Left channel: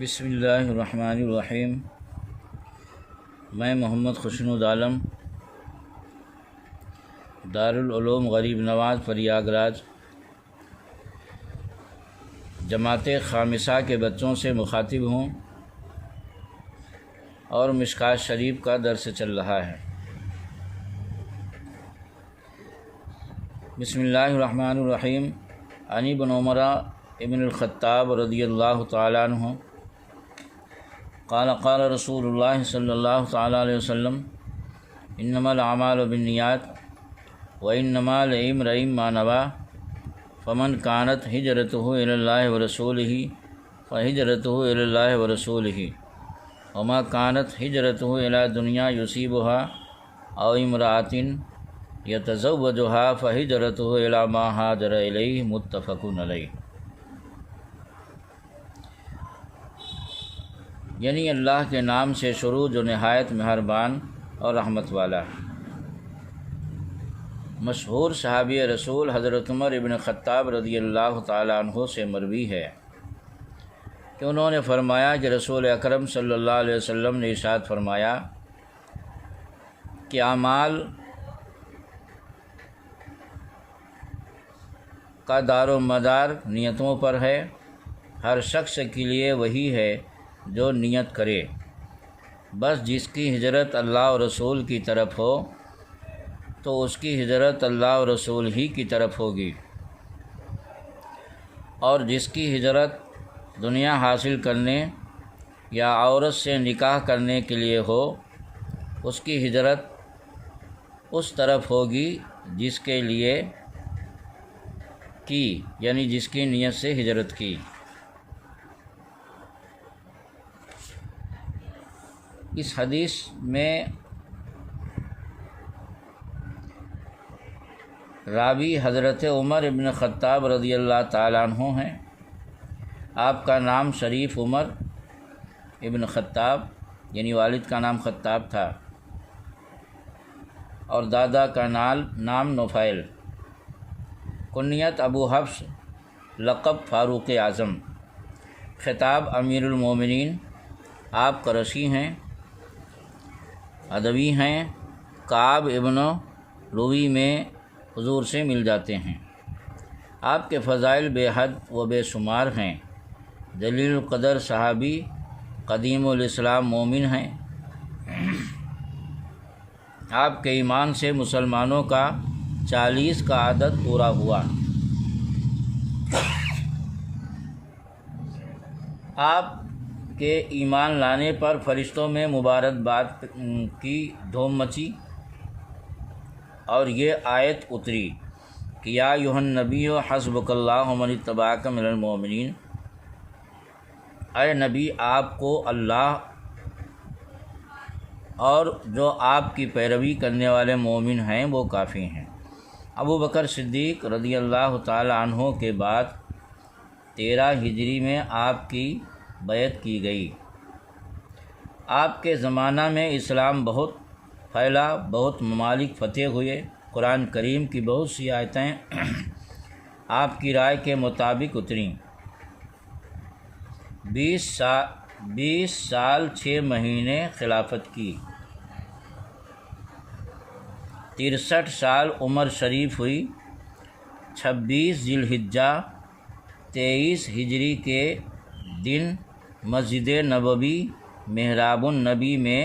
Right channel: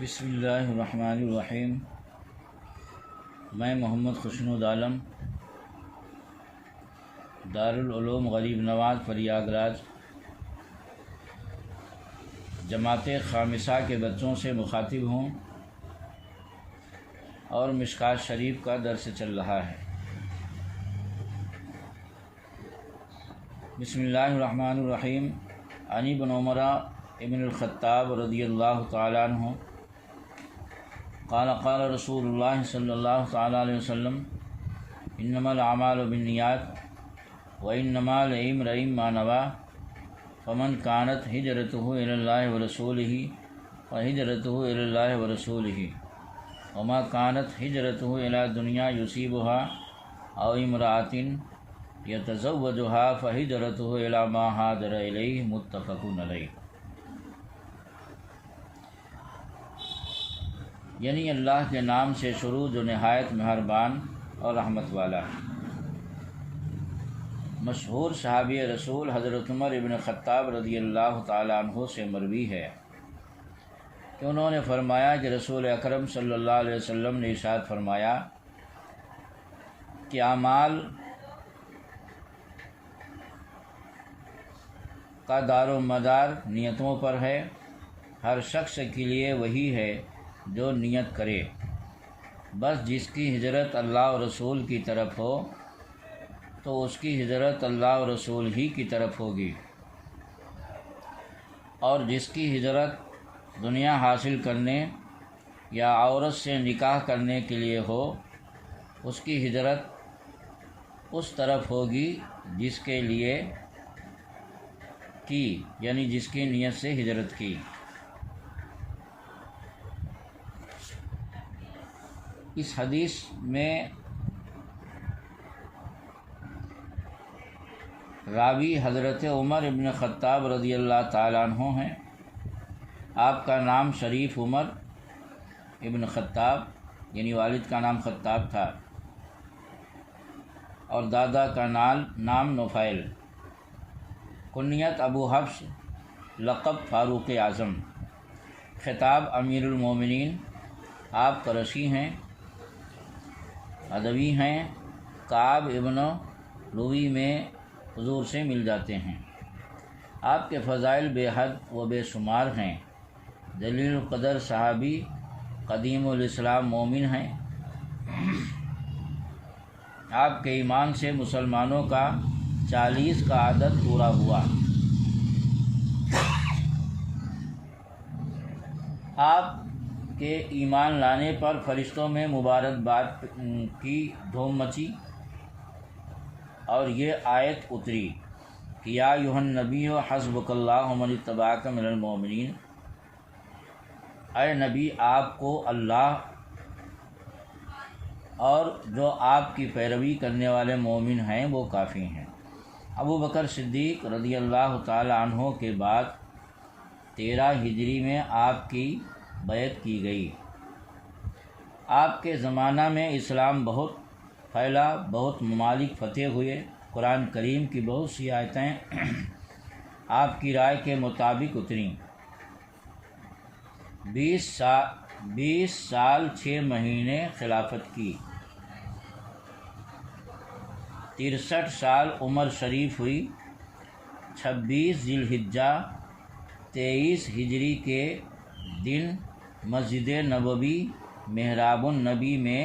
بسم اللہ الرحمن الرحیم۔ میں محمد خوشنود عالم دارالعلوم غریب نواز پریاگ راج جماعت خامسہ کے بچوں سے مخاطب ہوں اور مشکوٰۃ شریف کا درس چل رہا ہے۔ بسم اللہ الرحمن الرحیم۔ عن ابن عمر ابن الخطاب رضی اللہ تعالیٰ عنہ قال قال رسول اللہ صلی اللہ تعالیٰ علیہ وسلم انما الاعمال بالنیات وانما لامرئ ما نوى فمن كانت ہجرته الى اللہ ورسولہ فہجرته الى اللہ ورسولہ وما كانت ہجرته الى دنیا یصیبها او امرأة یتزوجها فہجرته الى ما ہاجر الیہ متفق علیہ۔ یعنی اللہ کے نام سے شروع جو نہایت مہربان اور رحمت والا ہے۔ مشہور صحابی رسول حضرت عمر ابن خطاب رضی اللہ تعالیٰ عنہ سے مروی ہے کہ انہوں نے فرمایا کہ رسول اکرم صلی اللہ علیہ وسلم نے ارشاد فرمایا کہ اعمال کا دار و مدار نیتوں پر ہے۔ ہر شخص کے لیے وہی ہے جو نیت کرے، بس جس کی ہجرت اللہ و رسول کی طرف ہو تو اس کی ہجرت اللہ و رسول ہی کی طرف ہوگی، اور جس کی ہجرت دنیا حاصل کرنے یا عورت سے نکاح کرنے کے لیے ہو اس کی ہجرت اس طرف ہوگی جس کے لیے کی، یعنی جس کی نیت سے ہجرت کی۔ اس حدیث میں راوی حضرت عمر ابن خطاب رضی اللہ تعالیٰ عنہ ہیں۔ آپ کا نام شریف عمر ابن خطاب یعنی والد کا نام خطاب تھا، اور دادا کا نام نفیل، کنیت ابو حفص، لقب فاروق اعظم، خطاب امیر المومنین۔ آپ قرشی ہیں، ادبی ہیں، کعب ابن لوی میں حضور سے مل جاتے ہیں۔ آپ کے فضائل بے حد و بے شمار ہیں۔ جلیل القدر صحابی، قدیم الاسلام مومن ہیں۔ آپ کے ایمان سے مسلمانوں کا 40 کا عدد پورا ہوا۔ آپ کے ایمان لانے پر فرشتوں میں مبارکباد کی دھوم مچی اور یہ آیت اتری کہ یا ایھا النبی حسبک اللہ ومن اتبعک من المؤمنین، اے نبی آپ کو اللہ اور جو آپ کی پیروی کرنے والے مومن ہیں وہ کافی ہیں۔ ابو بکر صدیق رضی اللہ تعالی عنہ کے بعد 13 ہجری میں آپ کی بیعت کی گئی۔ آپ کے زمانہ میں اسلام بہت پھیلا، بہت ممالک فتح ہوئے۔ قرآن کریم کی بہت سی آیتیں آپ کی رائے کے مطابق اتریں۔ 20 سال 6 مہینے خلافت کی، 63 سال عمر شریف ہوئی۔ 26 ذی الحجہ 23 ہجری کے دن مسجد نبوی محراب النبی میں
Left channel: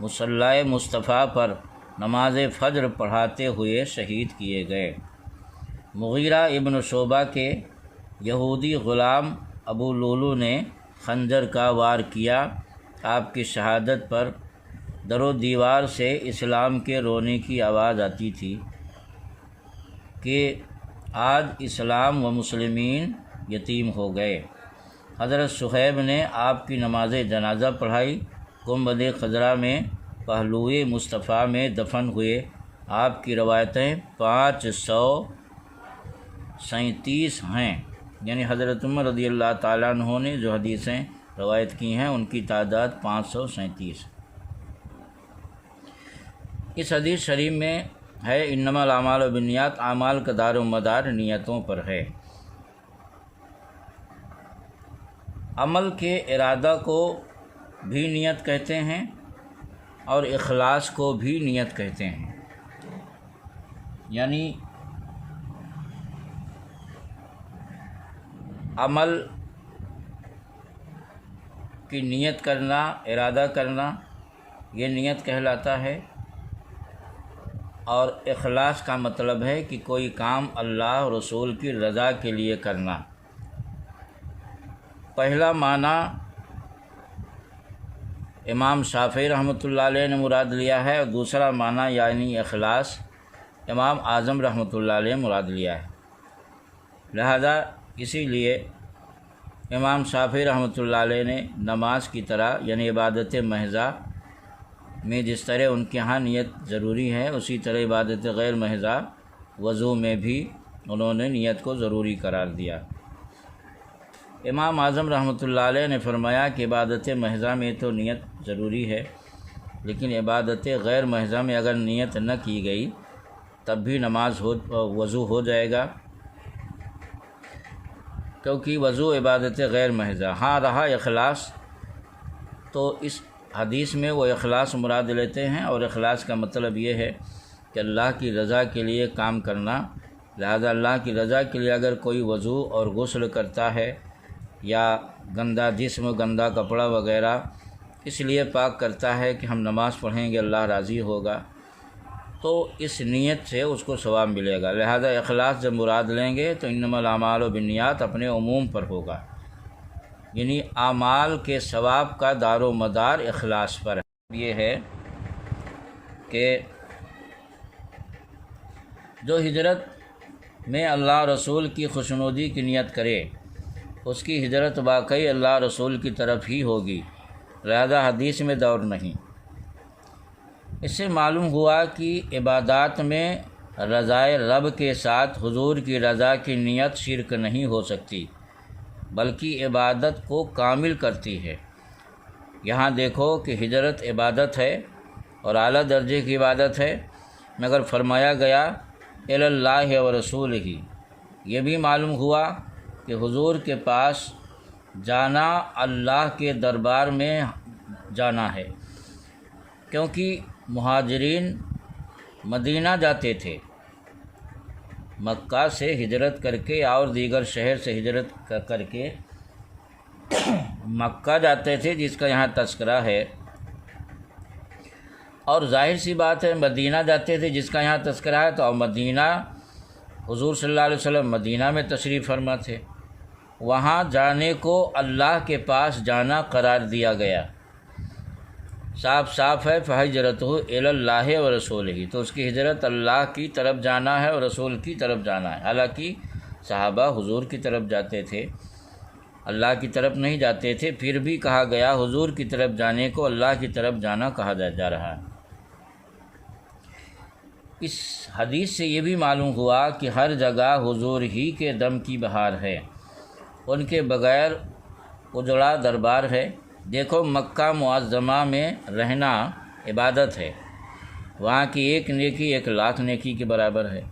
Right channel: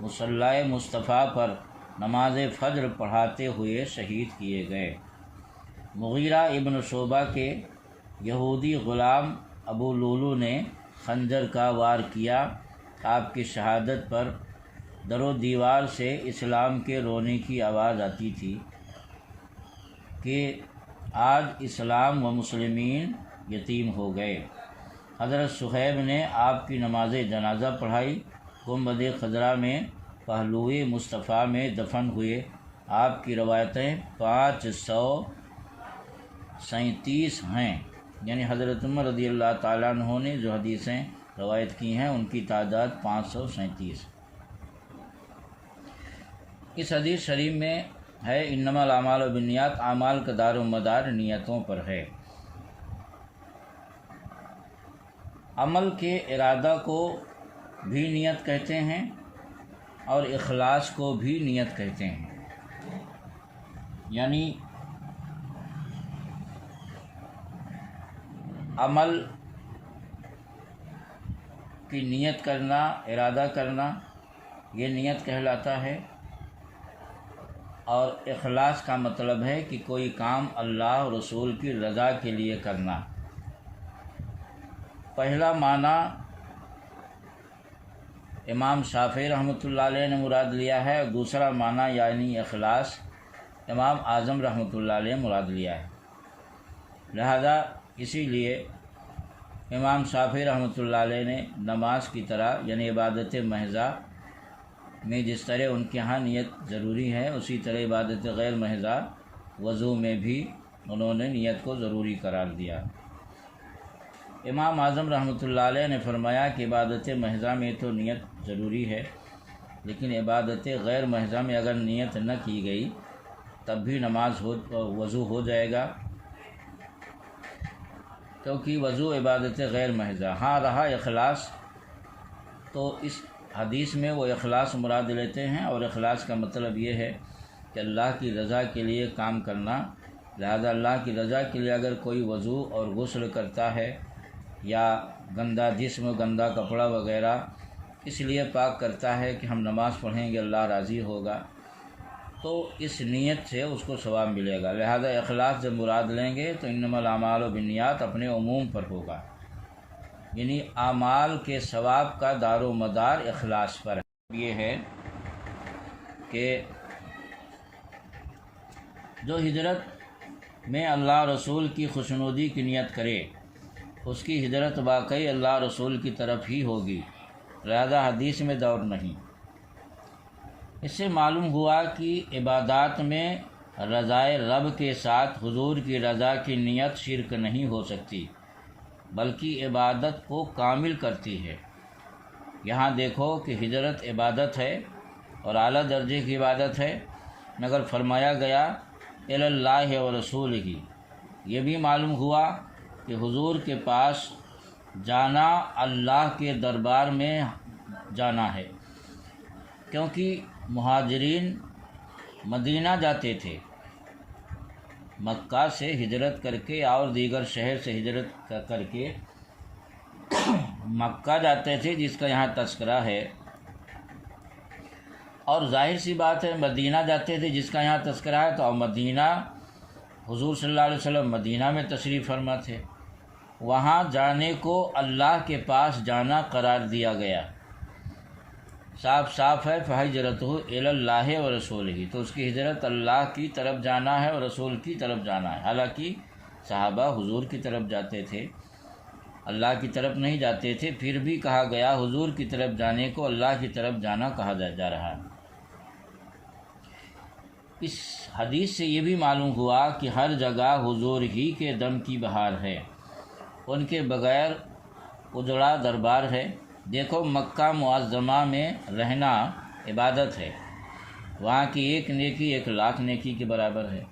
مصلی مصطفیٰ پر نماز فجر پڑھاتے ہوئے شہید کیے گئے۔ مغیرہ ابن شعبہ کے یہودی غلام ابو لولو نے خنجر کا وار کیا۔ آپ کی شہادت پر در و دیوار سے اسلام کے رونے کی آواز آتی تھی کہ آج اسلام و مسلمین یتیم ہو گئے۔ حضرت صہیب نے آپ کی نماز جنازہ پڑھائی۔ گنبد خضرا میں پہلوئے مصطفیٰ میں دفن ہوئے۔ آپ کی روایتیں 537 ہیں، یعنی حضرت عمر رضی اللہ تعالیٰ عنہ نے جو حدیثیں روایت کی ہیں ان کی تعداد 537۔ اس حدیث شریف میں ہے انما الاعمال بالنیات، اعمال کا دار و مدار نیتوں پر ہے۔ عمل کے ارادہ کو بھی نیت کہتے ہیں اور اخلاص کو بھی نیت کہتے ہیں، یعنی عمل کی نیت کرنا، ارادہ کرنا، یہ نیت کہلاتا ہے، اور اخلاص کا مطلب ہے کہ کوئی کام اللہ اور رسول کی رضا کے لیے کرنا۔ پہلا معنی امام شافعی رحمۃ اللہ علیہ نے مراد لیا ہے، اور دوسرا معنی یعنی اخلاص امام اعظم رحمۃ اللہ علیہ مراد لیا ہے۔ لہذا اسی لیے امام شافعی رحمۃ اللہ علیہ نے نماز کی طرح یعنی عبادت محضہ میں جس طرح ان کے ہاں نیت ضروری ہے، اسی طرح عبادت غیر محضہ وضو میں بھی انہوں نے نیت کو ضروری قرار دیا۔ امام اعظم رحمۃ اللہ علیہ نے فرمایا کہ عبادت محضہ میں تو نیت ضروری ہے، لیکن عبادت غیر محضہ میں اگر نیت نہ کی گئی تب بھی وضو ہو جائے گا، کیونکہ وضو عبادت غیر محضہ۔ ہاں رہا اخلاص، تو اس حدیث میں وہ اخلاص مراد لیتے ہیں، اور اخلاص کا مطلب یہ ہے کہ اللہ کی رضا کے لیے کام کرنا۔ لہذا اللہ کی رضا کے لیے اگر کوئی وضو اور غسل کرتا ہے یا گندا جسم، گندا کپڑا وغیرہ اس لیے پاک کرتا ہے کہ ہم نماز پڑھیں گے، اللہ راضی ہوگا، تو اس نیت سے اس کو ثواب ملے گا۔ لہذا اخلاص جب مراد لیں گے تو انما الاعمال بالنیات اپنے عموم پر ہوگا، یعنی اعمال کے ثواب کا دار و مدار اخلاص پر ہے۔ یہ ہے کہ جو ہجرت میں اللہ رسول کی خوشنودی کی نیت کرے اس کی ہجرت واقعی اللہ رسول کی طرف ہی ہوگی، لہذا حدیث میں دوڑ نہیں۔ اس سے معلوم ہوا کہ عبادات میں رضائے رب کے ساتھ حضور کی رضا کی نیت شرک نہیں ہو سکتی، بلکہ عبادت کو کامل کرتی ہے۔ یہاں دیکھو کہ ہجرت عبادت ہے اور اعلیٰ درجے کی عبادت ہے، مگر فرمایا گیا الی اللہ و رسول ہی۔ یہ بھی معلوم ہوا کہ حضور کے پاس جانا اللہ کے دربار میں جانا ہے، کیونکہ مہاجرین مدینہ جاتے تھے، مکہ سے ہجرت کر کے اور دیگر شہر سے ہجرت کر کے مکہ جاتے تھے، جس کا یہاں تذکرہ ہے، اور ظاہر سی بات ہے مدینہ جاتے تھے جس کا یہاں تذکرہ ہے، تو مدینہ حضور صلی اللہ علیہ وسلم مدینہ میں تشریف فرما تھے، وہاں جانے کو اللہ کے پاس جانا قرار دیا گیا۔ صاف صاف ہے فَهِجْرَتُهُ إِلَى اللَّهِ وَرَسُولِهِ، تو اس کی ہجرت اللہ کی طرف جانا ہے اور رسول کی طرف جانا ہے۔ حالانکہ صحابہ حضور کی طرف جاتے تھے، اللہ کی طرف نہیں جاتے تھے، پھر بھی کہا گیا حضور کی طرف جانے کو اللہ کی طرف جانا کہا جا رہا ہے۔ اس حدیث سے یہ بھی معلوم ہوا کہ ہر جگہ حضور ہی کے دم کی بہار ہے، ان کے بغیر اجڑا دربار ہے۔ دیکھو مکہ معظمہ میں رہنا عبادت ہے، وہاں کی ایک نیکی 1,00,000 نیکی کے برابر ہے،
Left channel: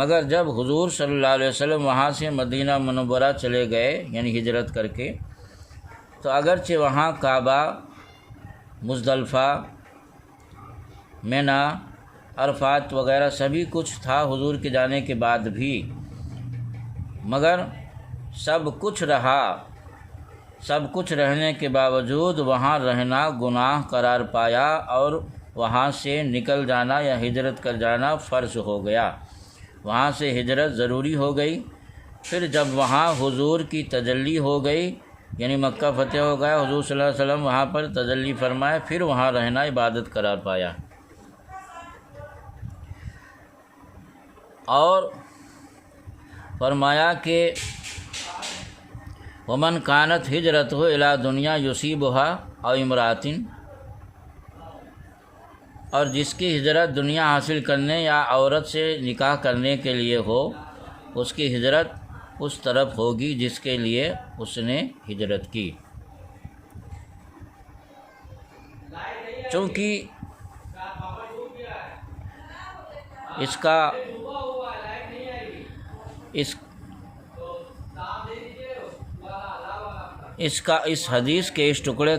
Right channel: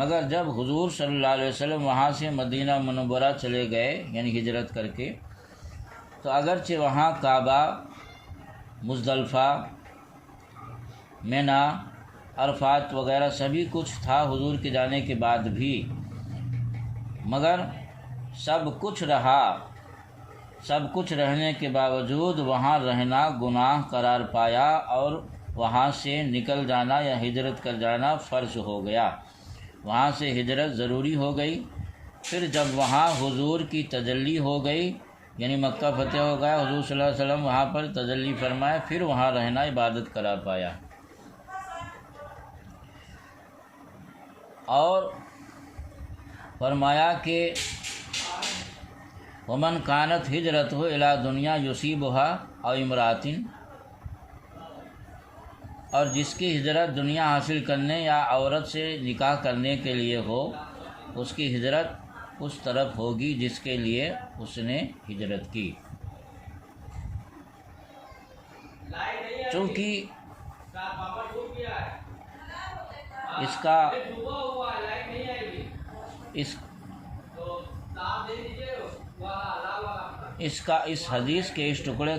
مگر جب حضور صلی اللہ علیہ وسلم وہاں سے مدینہ منورہ چلے گئے یعنی ہجرت کر کے، تو اگرچہ وہاں کعبہ، مزدلفہ، منی، عرفات وغیرہ سبھی کچھ تھا حضور کے جانے کے بعد بھی، مگر سب کچھ رہنے کے باوجود وہاں رہنا گناہ قرار پایا، اور وہاں سے نکل جانا یا ہجرت کر جانا فرض ہو گیا، وہاں سے ہجرت ضروری ہو گئی۔ پھر جب وہاں حضور کی تجلی ہو گئی، یعنی مکہ فتح ہو گیا، حضور صلی اللہ علیہ وسلم وہاں پر تجلی فرمائے، پھر وہاں رہنا عبادت قرار پایا۔ اور فرمایا کہ ومن کانت ہجرتہ الی دنیا یصیبها او امرأۃ، اور جس کی ہجرت دنیا حاصل کرنے یا عورت سے نکاح کرنے کے لیے ہو، اس کی ہجرت اس طرف ہوگی جس کے لیے اس نے ہجرت کی۔ چونکہ اس حدیث کے اس ٹکڑے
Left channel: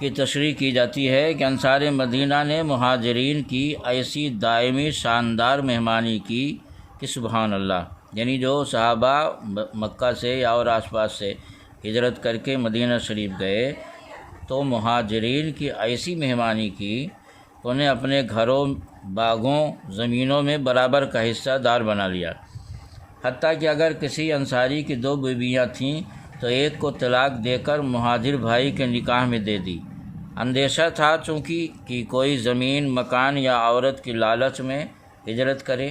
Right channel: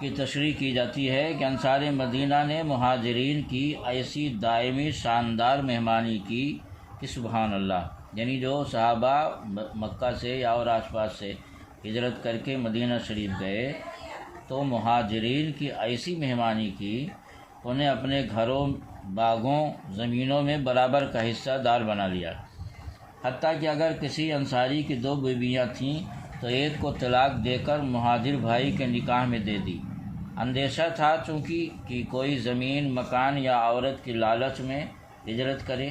کی تشریح کی جاتی ہے کہ انصار مدینہ نے مہاجرین کی ایسی دائمی شاندار مہمانی کی کہ سبحان اللہ، یعنی جو صحابہ مکہ سے یا اور آس پاس سے ہجرت کر کے مدینہ شریف گئے تو مہاجرین کی ایسی مہمانی کی، انہیں اپنے گھروں، باغوں، زمینوں میں برابر کا حصہ دار بنا لیا، حتیٰ کہ اگر کسی انصاری کی 2 بیویاں تھیں تو ایک کو طلاق دے کر مہاجر بھائی کے نکاح میں دے دی۔ اندیشہ تھا چونکہ کہ کوئی زمین، مکان یا عورت کی لالچ میں ہجرت کرے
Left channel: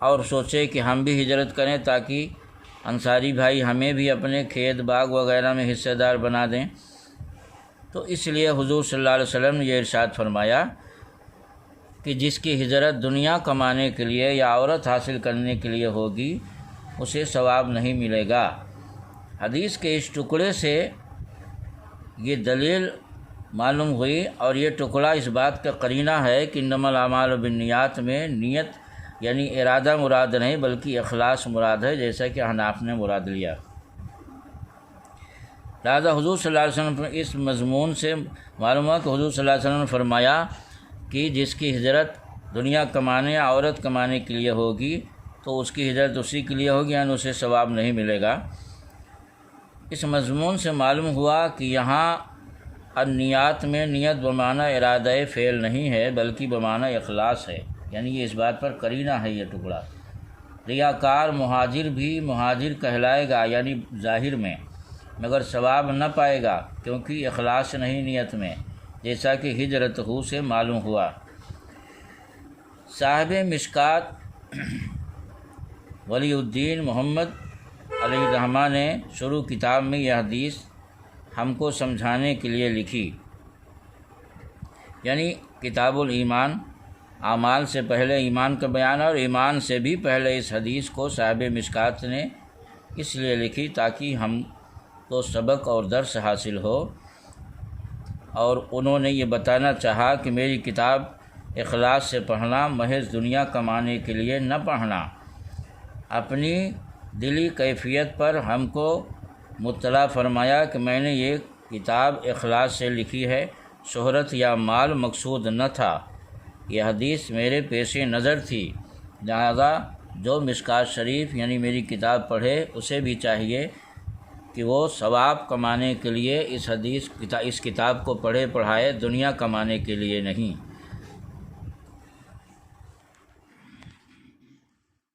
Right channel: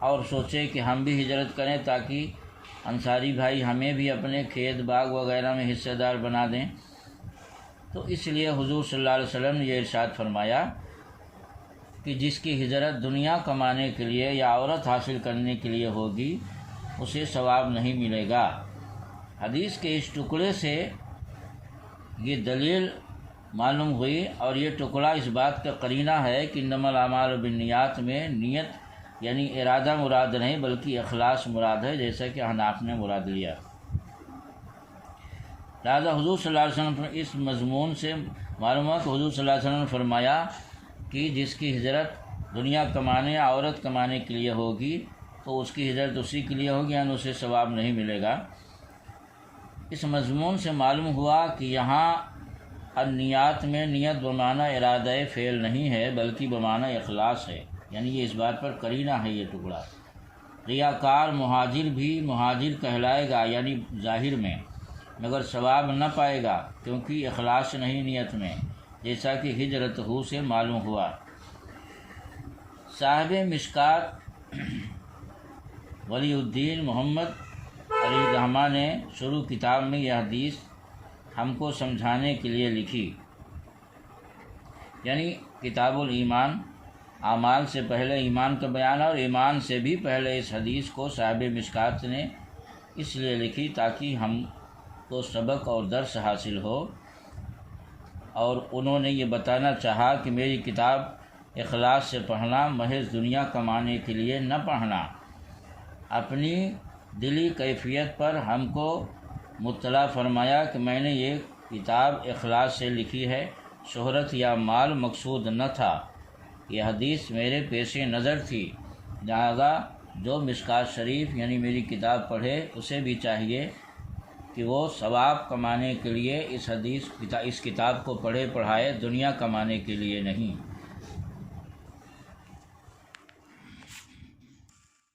اور سوچے کہ ہم بھی ہجرت کریں تاکہ انصاری بھائی ہمیں بھی اپنے کھیت باغ وغیرہ میں حصہ دار بنا دیں۔ تو اس لیے حضور صلی اللہ علیہ وسلم نے یہ ارشاد فرمایا کہ جس کی ہجرت دنیا کمانے کے لیے یا عورت حاصل کرنے کے لیے ہوگی اسے ثواب نہیں ملے گا۔ حدیث کے اس ٹکڑے سے یہ دلیل معلوم ہوئی، اور یہ ٹکڑا اس بات کا قرینہ ہے کہ انما الاعمال بالنیات میں نیت یعنی ارادہ مراد نہیں بلکہ اخلاص مراد ہے، جیسا کہ حناف نے مراد لیا۔ لہٰذا حضور صلی اللہ علیہ وسلم اس مضمون سے معلوم ہے کہ حضور صلی اللہ علیہ وسلم نے فرمایا کہ جس کی ہجرت دنیا کمانے یا عورت کمانے کے لیے ہوگی تو اس کی ہجرت اسی کے لیے ہوگی، یعنی اسے ثواب نہیں ملے گا۔ اس مضمون سے معلوم ہوا کہ یہاں النیات میں نیت بمعنی ارادہ فعل نہیں ہے بلکہ بمعنی اخلاص ہے، یعنی یہ اس بات پر قرینہ ہے یہ ٹکڑا۔ ریاکار مہاجر بھی مہاجر کہلائے گا یعنی ظاہر میں، مگر ثواب نہ پائے گا کیونکہ اخلاص نہیں نیت میں، جیسا کہ ہجرت ہو سے معلوم ہوا۔ صاحب مشکات ولی الدین محمد علیہ الرحمہ نے شروع کتاب میں یہ حدیث ہم کو سمجھانے کے لیے لکھی، یعنی کتاب الایمان، اعمال سے پہلے ایمان کا بیان ہے، اور ایمان سے بھی پہلے اس حدیث کو صاحب مشکات نے اس لیے لکھی تاکہ ہم کو سبق اور درس حاصل ہو، اور انہوں نے یہ بتانا چاہا کہ میری کتاب اخلاص سے پڑھنا، محض دنیا کمانے کے لیے نہ پڑھنا، اپنی دلی کیفیت پر ہم کو مطلع فرمایا کہ میں نے یہ کتاب اخلاص سے لکھی ہے، شہرت یا مال مقصود نہ تھا، یہ حدیث میرے پیش نظر تھی، لہذا جو مشکات شریف یعنی میری کتاب پڑھے اسے بھی چاہیے کہ وہ ثواب کمانے کے لیے اس کتاب کو پڑھے پڑھائے، دنیا کمانے کے لیے نہیں۔